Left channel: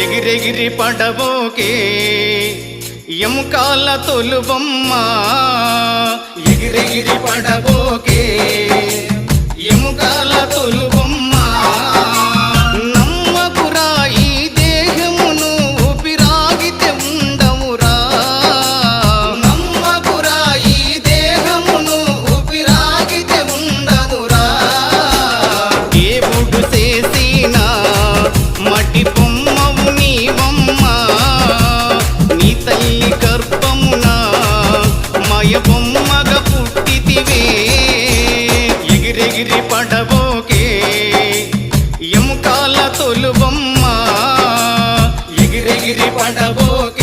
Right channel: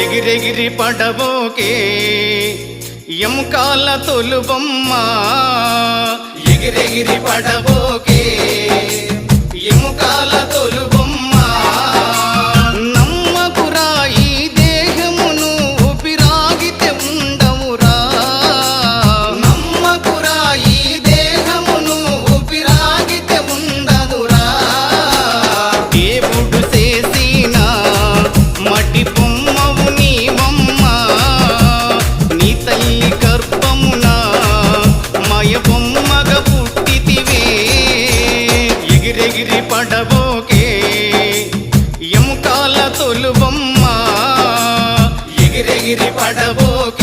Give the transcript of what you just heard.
ఎగిరెగిరి పడబోకే ఎముకాల తొలుబొమ్మ ఎగిరెగిరి పడబోకే ఎముకాల తొలుబొమ్మ నమ్మకురా ఈ దేహమును ఊపిరాగితే ఉండవురా నమ్మకురా ఈ దేహమును ఊపిరాగితే ఉండవురా దేవుడు చేసిన మట్టి బొమ్మవు నీవమ్మ నీ తల్లి గర్భమున మయ బొమ్మగా పుట్టితివే ఎగిరెగిరి పడబోకే ఎముకాల తొలుబొమ్మ ఎగిరెగిరి పడబోకే